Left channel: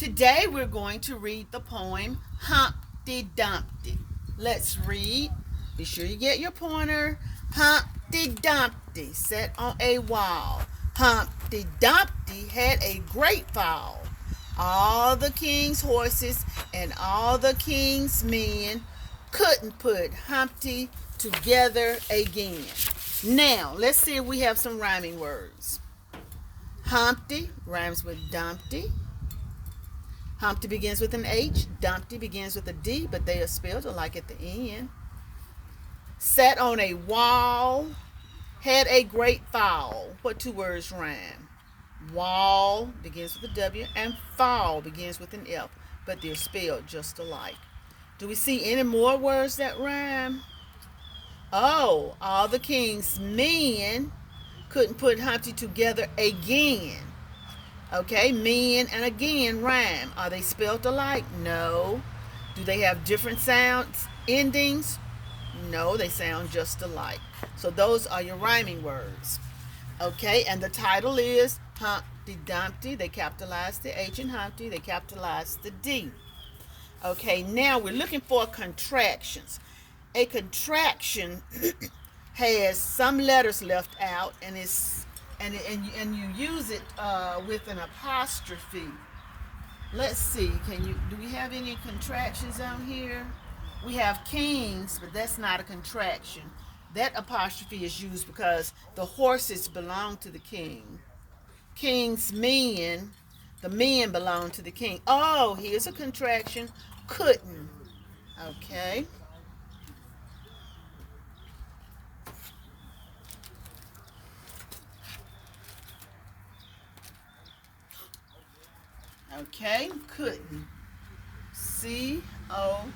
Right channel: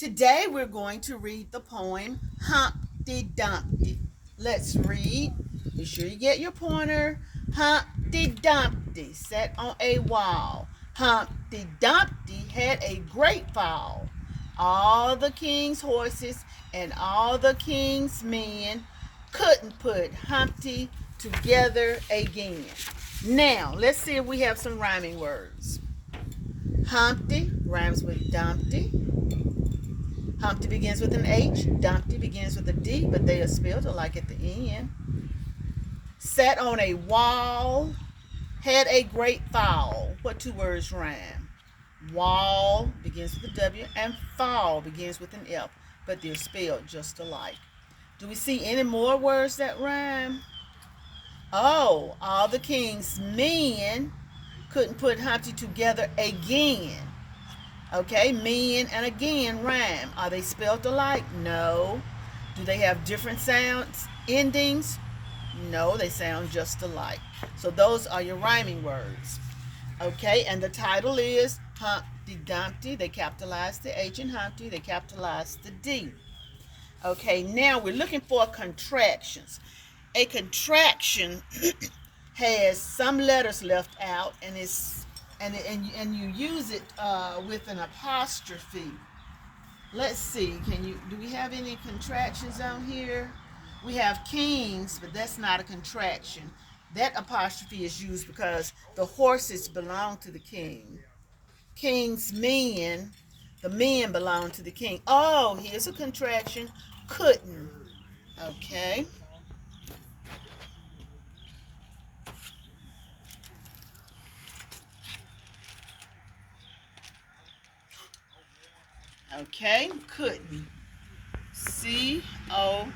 Today we're going to read the poem Humpty Dumpty. Let's read. Be sure you get your pointer. Humpty Dumpty sat on a wall. Humpty Dumpty had a great fall. All the king's horses and all the king's men couldn't put Humpty together again. Now, let's see if we have some rhyming words. Humpty rhymes with Dumpty. Humpty begins with an H. Dumpty begins with a D, but they are spelled alike at the end. Sat on a wall, had a great fall. What two words rhyme? Wall begins with a W, and fall begins with an F, but they're spelled just alike. Do we see any more words that rhyme? Oh, all the king's men couldn't put Humpty together again. Okay, men and again rhyme. Are they spelled alike? No. Do they have different sounds, endings? No, they sound just alike. So those are your rhyming words. Okay, and the title is Humpty Dumpty. They capitalized the H in Humpty. They capitalized the D. Okay, now we're looking for contractions. A contraction has some letters left out, and you use it with an apostrophe. Let's see. Do we have any contractions on here? We have kings, but that's not a contraction. That apostrophe is used because the horses belong to the king. King's men, the men belong to the king. Oh, here's a contraction. Couldn't. Okay. Okay, couldn't. COULDN.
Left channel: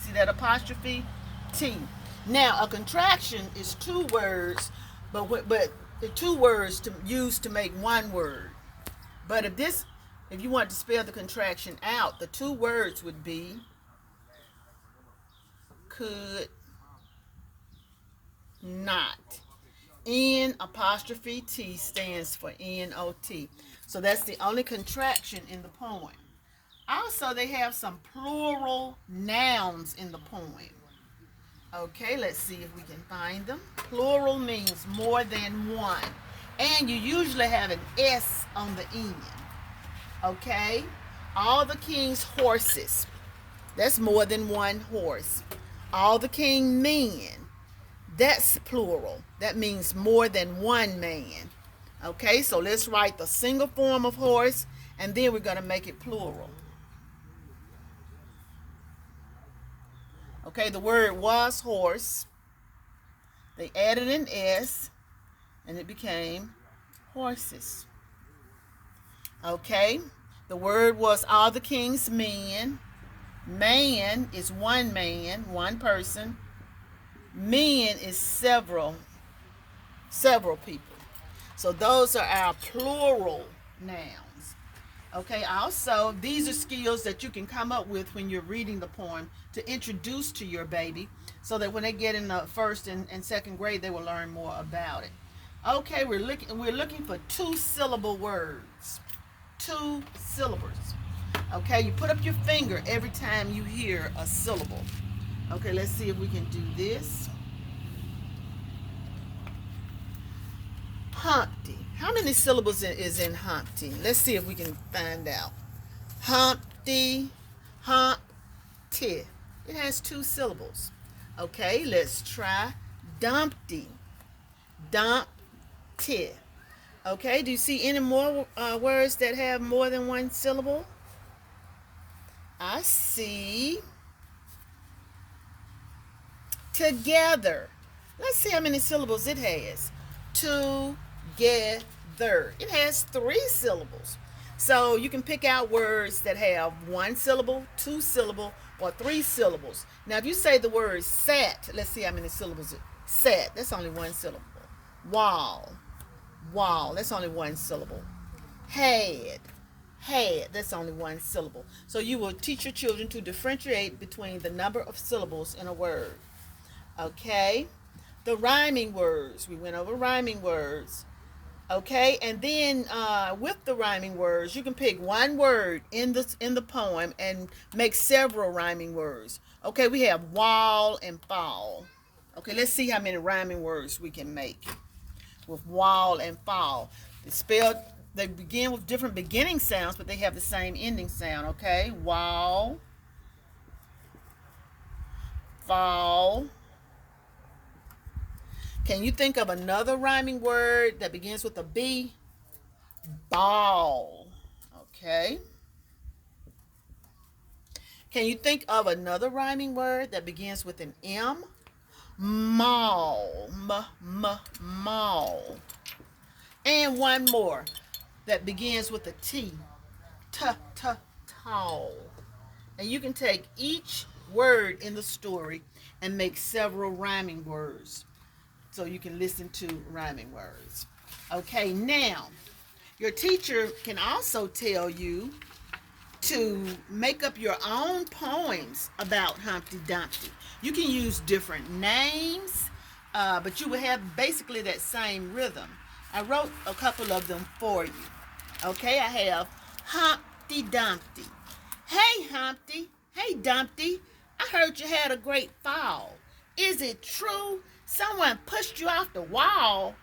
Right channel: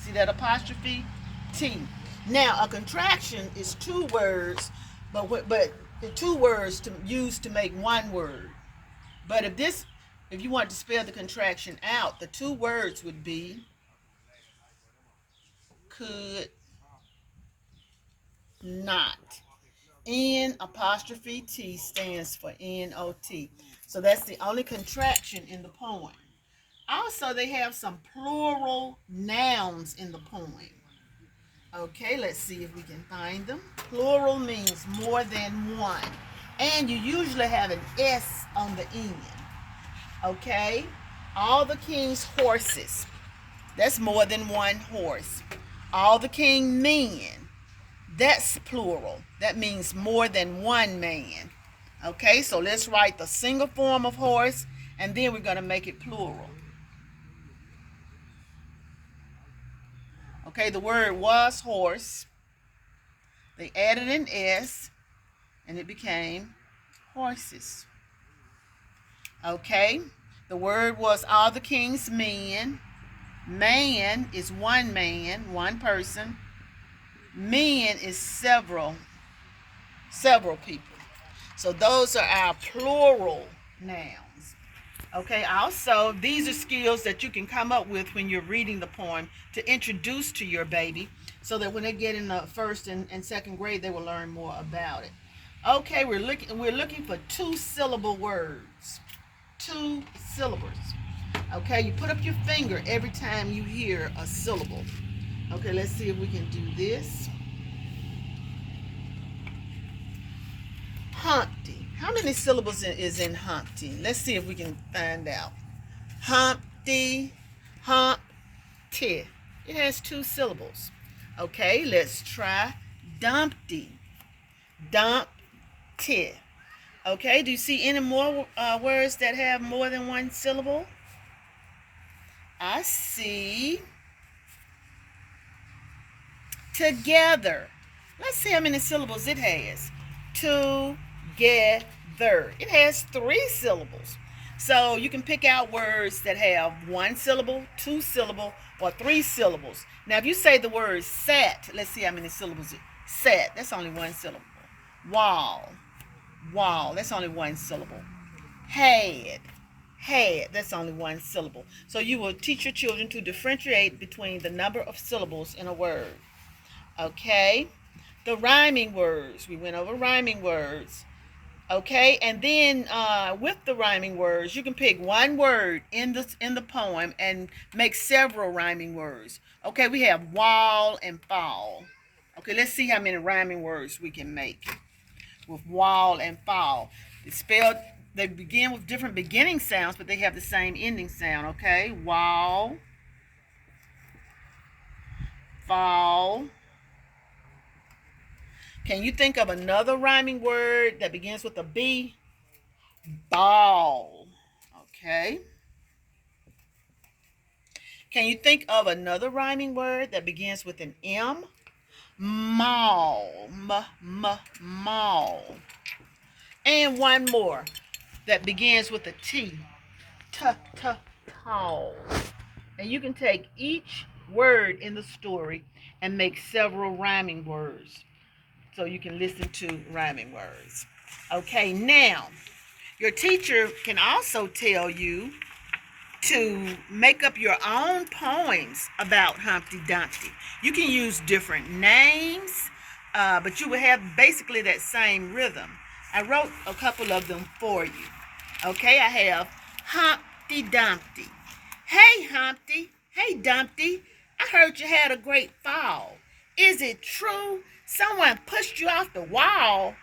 See that apostrophe? T. Now, a contraction is two words, but the two words to use to make one word. But if you want to spell the contraction out, the two words would be could not. N apostrophe T stands for N-O-T. So that's the only contraction in the poem. Also, they have some plural nouns in the poem. Okay, let's see if we can find them. Plural means more than one. And you usually have an S on the end. Okay? All the king's horses. That's more than one horse. All the king's men. That's plural. That means more than one man. Okay, so let's write the single form of horse, and then we're going to make it plural. Okay, the word was horse. They added an S, and it became horses. Okay, the word was all the king's men. Man is one man, one person. Men is several people. So those are our plural nouns. Okay, also, these are skills that you can come up with when you're reading the poem to introduce to your baby so that when they get in the first and second grade, they will learn more about it. Okay, we're looking for two-syllable words. Two syllables. Okay, you put up your finger every time you hear a syllable. Okay, let's see if we can do this. Humpty. How many syllables is in Humpty? Let's see if we can find out. Humpty, Humpty. It has two syllables. Okay, let's try Dumpty. Dumpty. Okay, do you see any more words that have more than one syllable? I see together. Let's see how many syllables it has. Together. It has three syllables. So you can pick out words that have one syllable, two syllable, or three syllables. Now if you say the word sat, let's see how many syllables it sat. That's only one syllable. Wall. Wall. That's only one syllable. Had. That's only one syllable. So you will teach your children to differentiate between the number of syllables in a word. Okay? The rhyming words. We went over rhyming words. Okay, and then with the rhyming words, you can pick one word in the poem and make several rhyming words. Okay, we have wall and fall. Okay, let's see how many rhyming words we can make with wall and fall. It's spelled. They begin with different beginning sounds, but they have the same ending sound. Okay, wall, fall. Can you think of another rhyming word that begins with a B? Ball. Okay. Can you think of another rhyming word that begins with an M? Mall. Mall. And one more that begins with a T. Tall. And you can take each word in the story and make several rhyming words. So you can listen to rhyming words. Okay, now your teacher can also tell you to make up your own poems about Humpty Dumpty. You can use different names, but you will have basically that same rhythm. I wrote a couple of them for you. Okay, I have Humpty Dumpty. Hey Humpty, hey Dumpty, I heard you had a great fall. Is it true someone pushed you off the wall?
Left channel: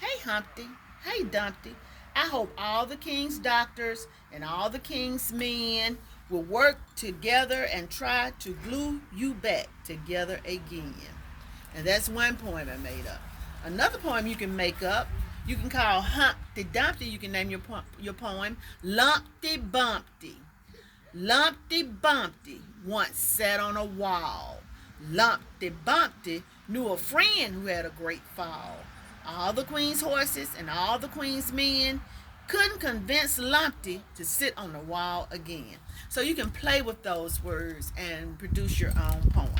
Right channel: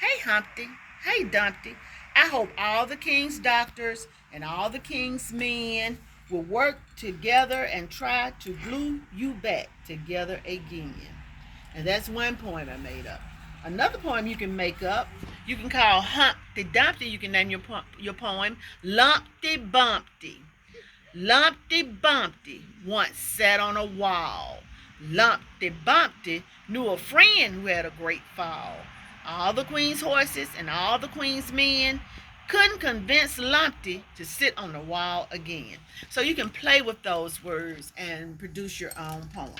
Hey Humpty, hey Dumpty, I hope all the king's doctors and all the king's men will work together and try to glue you back together again. And that's one poem I made up. Another poem you can make up, you can call Humpty Dumpty. You can name your poem Lumpty Bumpty. Lumpty Bumpty once sat on a wall. Lumpty Bumpty knew a friend who had a great fall. All the queen's horses and all the queen's men couldn't convince Lumpty to sit on the wall again. So you can play with those words and produce your own poem.